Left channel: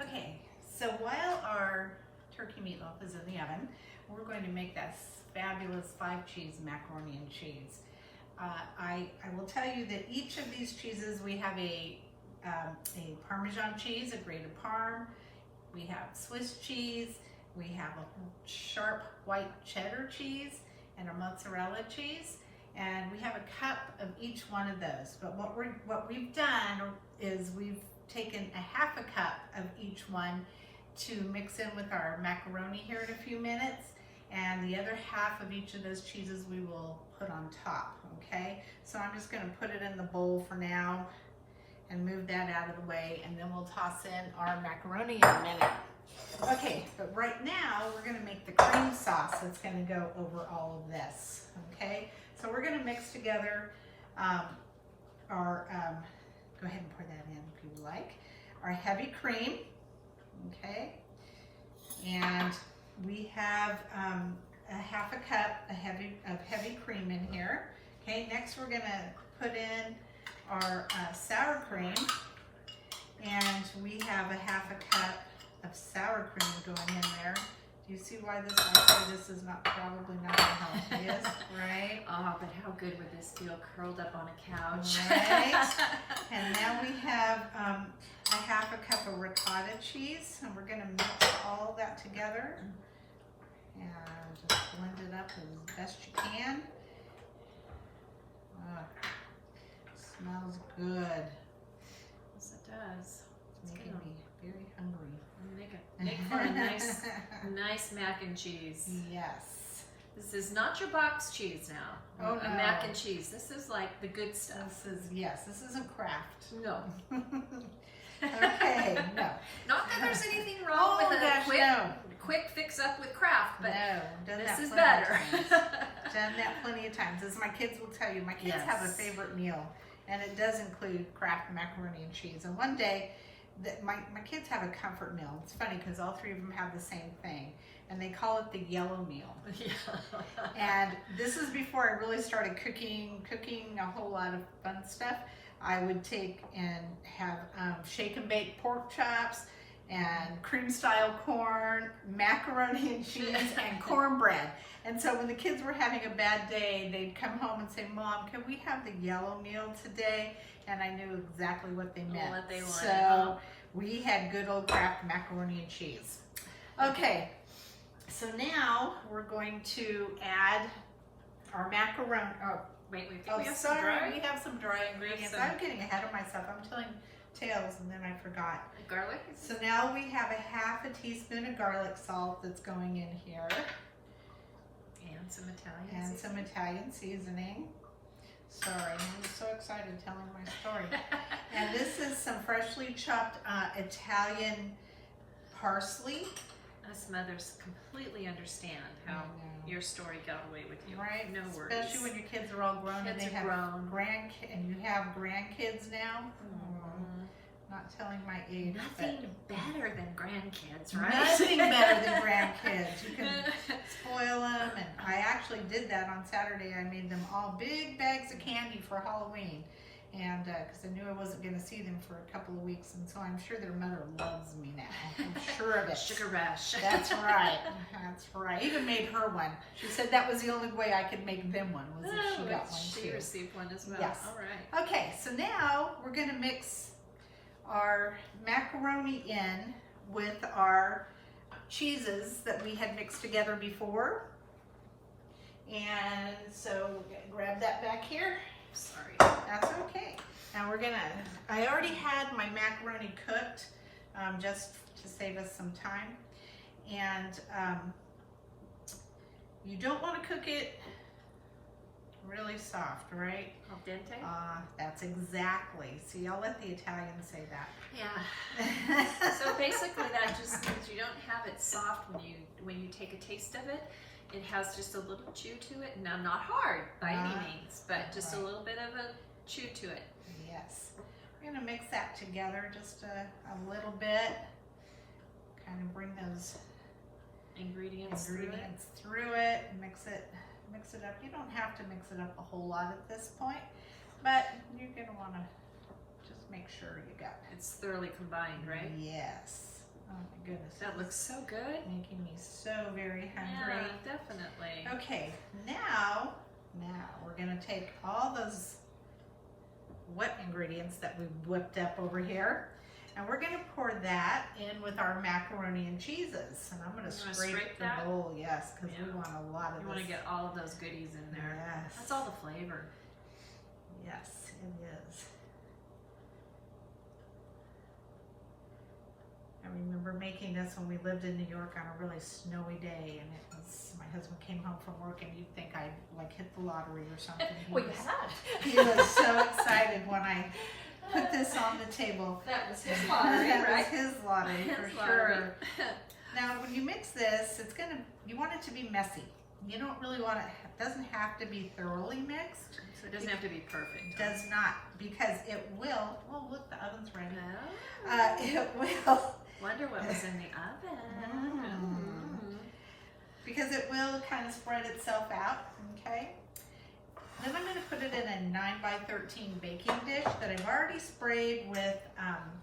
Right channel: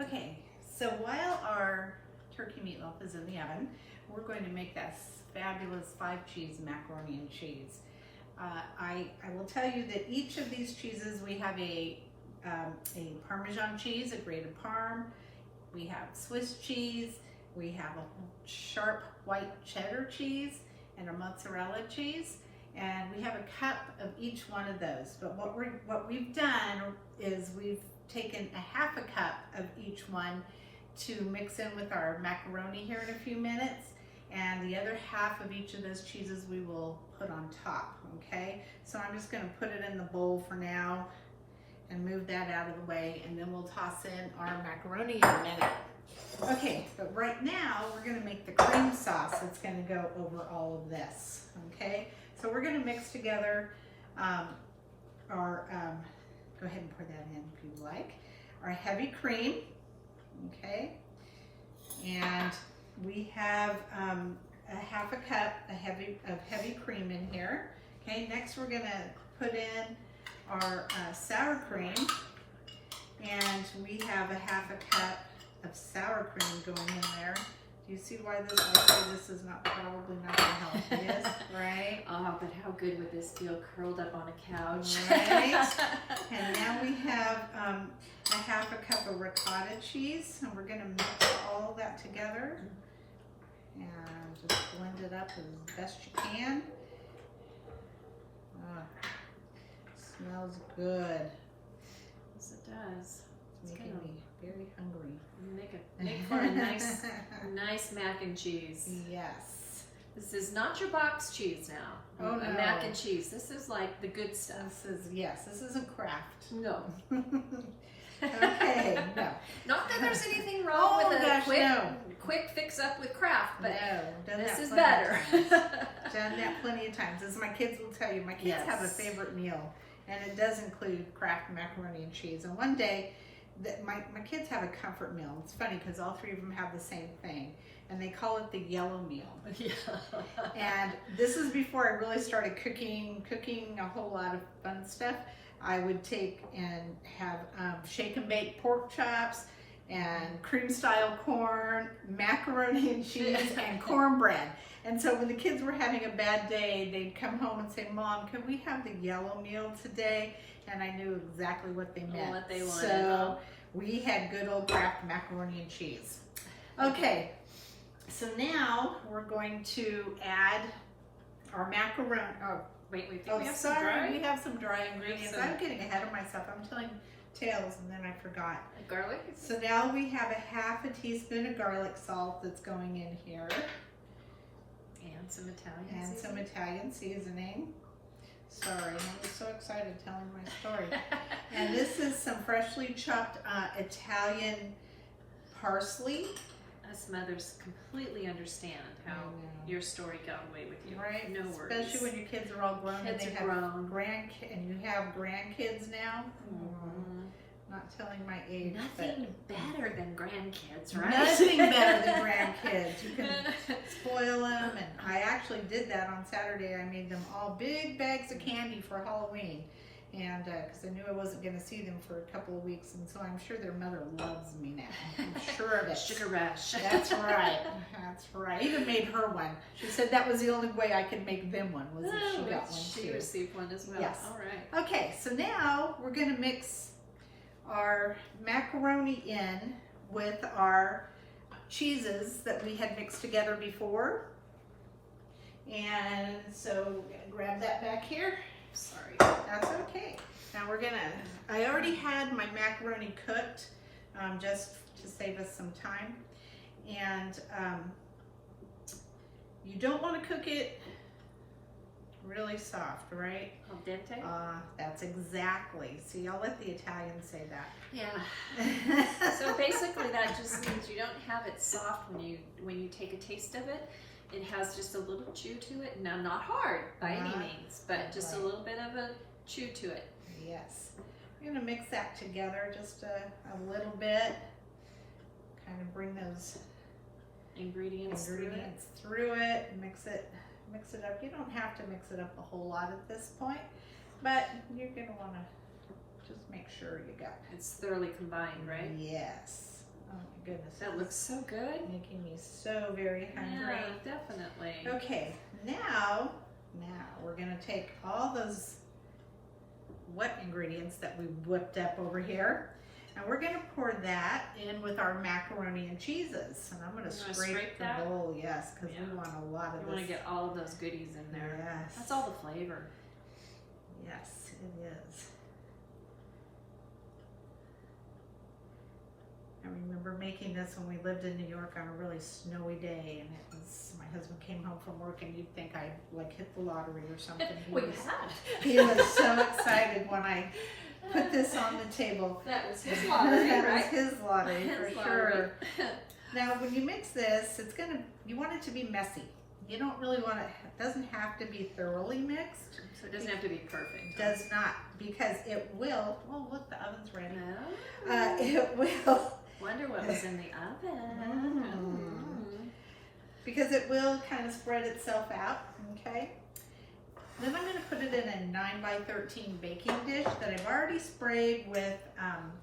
Okay, so while our turkey meatloaf is in the oven, we're going to make that fabulous 5-cheese macaroni and cheese. I will tell you that each of these cheeses, we have a Parmesan cheese, a grated Parm, we have Swiss cheese, we have a sharp white cheddar cheese, and a mozzarella cheese, and we have a cup of each one of those. But what we've done is we've taken a half a cup of each one to mix in with our macaroni here in a few minutes, and the other half of each of those cheeses we will put on top, okay? So I'm just gonna put it in the bowl for now and move that out of the way, and then we'll toss in our macaroni in a minute. Okay, but right now we're gonna make the cream sauce that's gonna go over all of this, okay? So we're gonna mix together go ahead and pour that in if you like, our heavy cream, okay? And we have a half a cup of heavy cream in here, okay? Next we're gonna put in our sour cream, and we have a half a cup of sour cream going in there. Do you see why I say this is probably not the healthiest, right? Oh, but how good would this feel curled up on a couch? Right. And now we have a half a cup of ricotta cheese, and we're gonna mix all that together and just blend it up as best you can. Smells good. Yes, it does. It's making me very hungry. Make for a nice mac and cheese. Yes. This is not your box cheese now. Oh, a no. mac and cheese. This is like the good stuff. This isn't Kraft. No. Okay, no. Not that there's anything wrong with a quick fix up with Kraft, but this is better. Done that plenty of times. As my kids will tell you, my kids have a favorite meal, and it does include Kraft macaroni and cheese. And one day, my kids have a comfort meal. It's funny because all three of them have the same thing, and they call it the yellow meal. Yeah. And this is before I really started cooking a whole lot of fun stuff. I would take and have shake and bake pork chops and cream style corn, macaroni and cheese, and cornbread. And so when the kids were having a bad day, they'd come home and say, "Mom, can we have the yellow meal today?" And I knew exactly what they meant. What they wanted. So we had good old Kraft macaroni and cheese. Okay, so now we're going to add our macaroni. Wait, we have sorry, some dry? we have some dry ingredients. I'm getting ahead of myself. I'm telling tales and then I forgot. Garlic? So now we have a half a teaspoon of garlic salt that's going in here. And some Italian and seasoning. Some Italian seasoning. Sorry, I'm so excited telling my story. And this is some freshly chopped Italian parsley. Us mothers completely understand how your story got away with you. Right? No worries. Especially when your kids are all grown and they have and you have grandkids now. Mm-hmm. Not telling my age. Nothing better than grandkids, right? Nothing better than grandkids. You can spoil them, and I actually did that on Saturday. I made them all big bags of candy for Halloween, and because I knew I wasn't going to see them for a couple of weeks, and so I'm sure their mother loves me now. I'm sure of it. Sugar rush. That's right. That's right. I even made her one. She said that was the only way I could make them one, was if she got one too. She received one as well. Yes. All right. Okay, so now we're going to mix our macaroni in with our cheeses that we had mixed together before. And so grab that back here. Sorry. That's okay. Now I already had my macaroni cooked just to save us some time. And you don't want to cook it really soft, right? Al dente? That's exactly. See, I'll let the Italians say that. Yeah. So basically that just means you don't have it soft when you take a taste of it. It has just a little chew to it. Now, not hard by any means, but just a little bit of a chew to it. Yes. We're going to mix that together just a little bit. Kind of bring those ingredients through it. Mix it up. You don't have to mix it up a whole lot at this point, but you're going to want to just make sure you got it. It's thoroughly combined, right? Yes. Oh my goodness. That looks so good. Making me so very hungry. Yeah, definitely. Okay, now we're gonna take all those wet ingredients that we whipped up over here, and we're gonna pour that in with our macaroni and cheeses. And I'm gonna scrape the that? bowl, yes, because we want a lot of You this. want to get all of those goodies in there. Yes. That's all the flavor. Yes, it is. I remember making this when we lived in New York on a really snowy day, and it was, my husband came home from work, and you'd think I like hit the lottery or something. He was so excited when I put this on the table. That was his lottery, That right? was his lottery for His sure. lottery. Now, when you mix this, you want it to be messy. You don't really want it doesn't have to be thoroughly mixed. So it doesn't have to be perfect. It does not, because it will. Oh, look, the oven's ready. No. It will. Wonder what was in the oven. Because it will kind of spread itself out, okay? Then I'm going to put it in a 9x13 baking dish that I've already sprayed with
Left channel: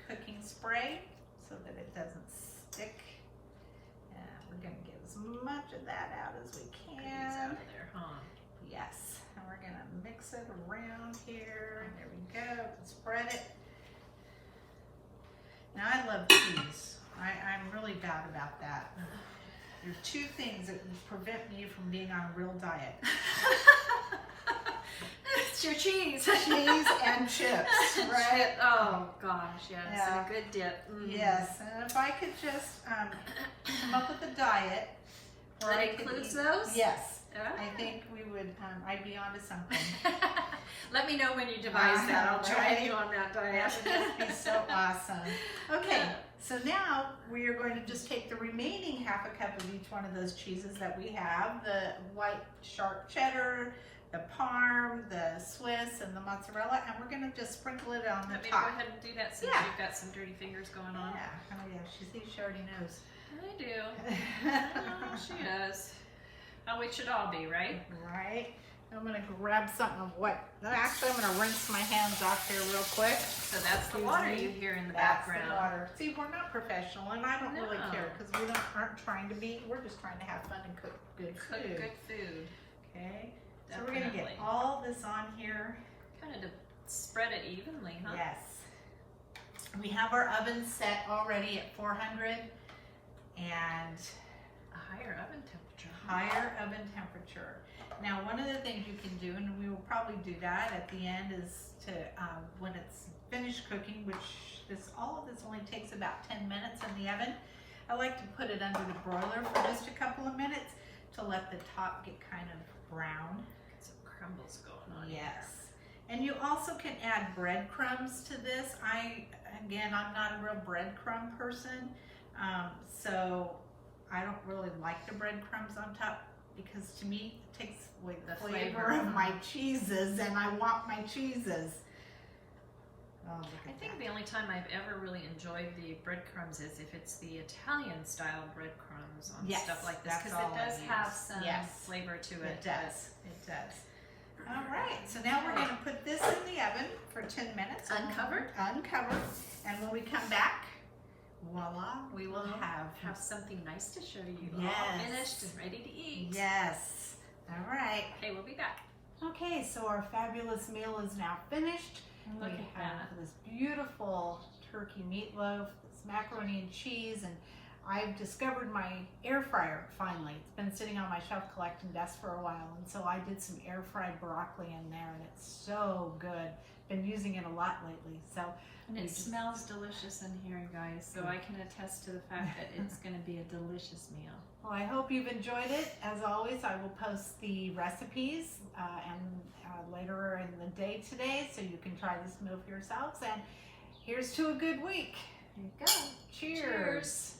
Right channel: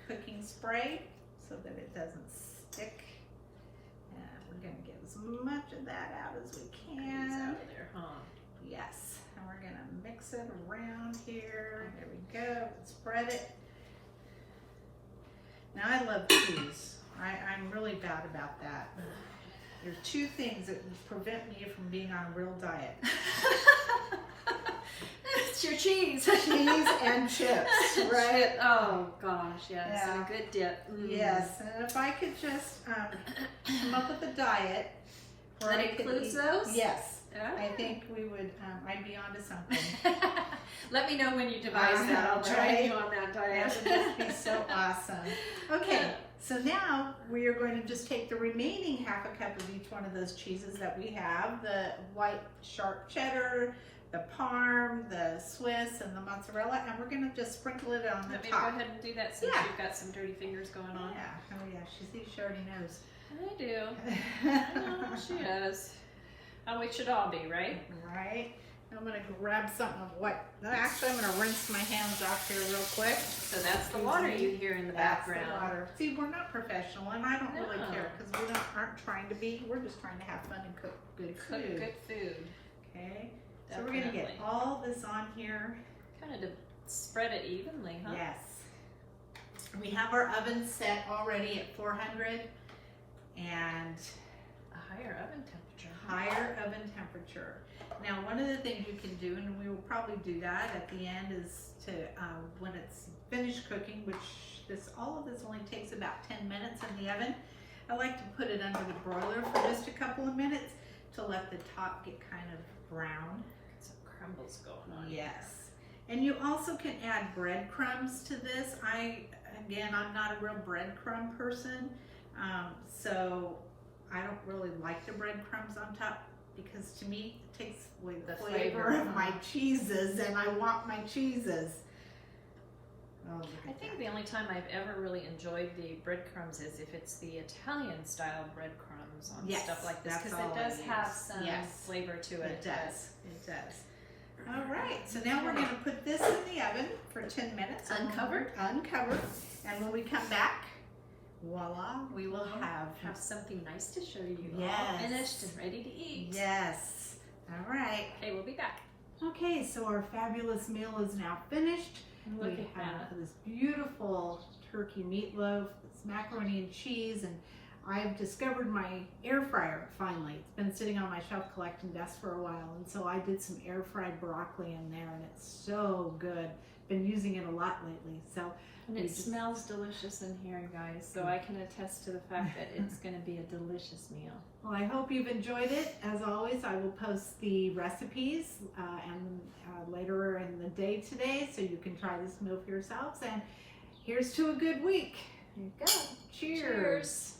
cooking spray so that it doesn't stick. And we're going to get as much of that out as we These can. out of there, huh? Yes. And we're going to mix it around here. There we go. Spread it. Now, I love cheese. I'm really bad about that. There are two things that prevent me from being on a real diet. It's your cheese. Cheese and chips, right? Oh gosh, yes, Yeah. and a good dip. Yes, and if I could just come up with a diet where That I could includes eat, those? yes, Ah. I think we would. I'd be onto something. Let me know when you devise that. I'll join Right? you on that diet. That would just be so awesome. Okay, so now we are going to just take the remaining half a cup of each one of those cheeses that we have, the white sharp cheddar, the Parm, the Swiss, and the mozzarella, and we're going to just sprinkle it on the Let me top. go ahead and do that since Yeah. you've got some dirty fingers going on. Yeah, oh yeah, she already knows. I do. I know, she does. How we should all be, right? Right. I'm going to grab something of what. Actually, I'm going to rinse my hands off here real quick. So that's the water you hear in the That's the background. water. See, we're not professional, and I don't really No. care because we aren't trying to be. We're just trying to have fun and cook good Cook food. good food. Okay. So we're going to get Definitely. all this on here. Kind of to spread it evenly, huh? Yes. We have our oven set already at 400 and A higher oven temperature. higher oven temperature. Now, one of the things you can do, and we will probably do that at the end, is to when it's finished cooking, which all of this only takes about 10 minutes in the oven. I like to put it under the broiler for just a couple of minutes to let the top get kind of brown. Get some crumbles going on. Yes. And you also can add breadcrumbs to this. I'm not a real breadcrumb person, so I don't really like the breadcrumbs on top because to me it takes away the flavor of my cheeses, and I want my cheeses. Oh, look I at think that. the only time I've ever really enjoyed the breadcrumbs is if it's the Italian style breadcrumbs on Yes, stuff like this, that's because all it I does use. have some Yes. flavor to it. It does. It does. All right. So now we're going to put this in the oven for 10 minutes. Uncovered? Uncovered. And when we come back, voila, we will have something nice to show you. Yes. All finished and ready to eat. Yes. All right. Okay, we'll be back. Okay, so our fabulous meal is now finished. Look We at have that. this beautiful turkey meatloaf, this macaroni and cheese, and I've discovered my air fryer finally. It's been sitting on my shelf collecting dust for a while, and so I did some air fried broccoli in there, and it's so good. Been using it a lot lately. So And we it just- smells delicious in here, guys. So I can attest to the fact that it's going to be a delicious meal. Well, I hope you've enjoyed it. As always, I will post the recipes later in the day today, so you can try this meal for yourselves. And here's to a good week. Here you go. Cheers. Cheers.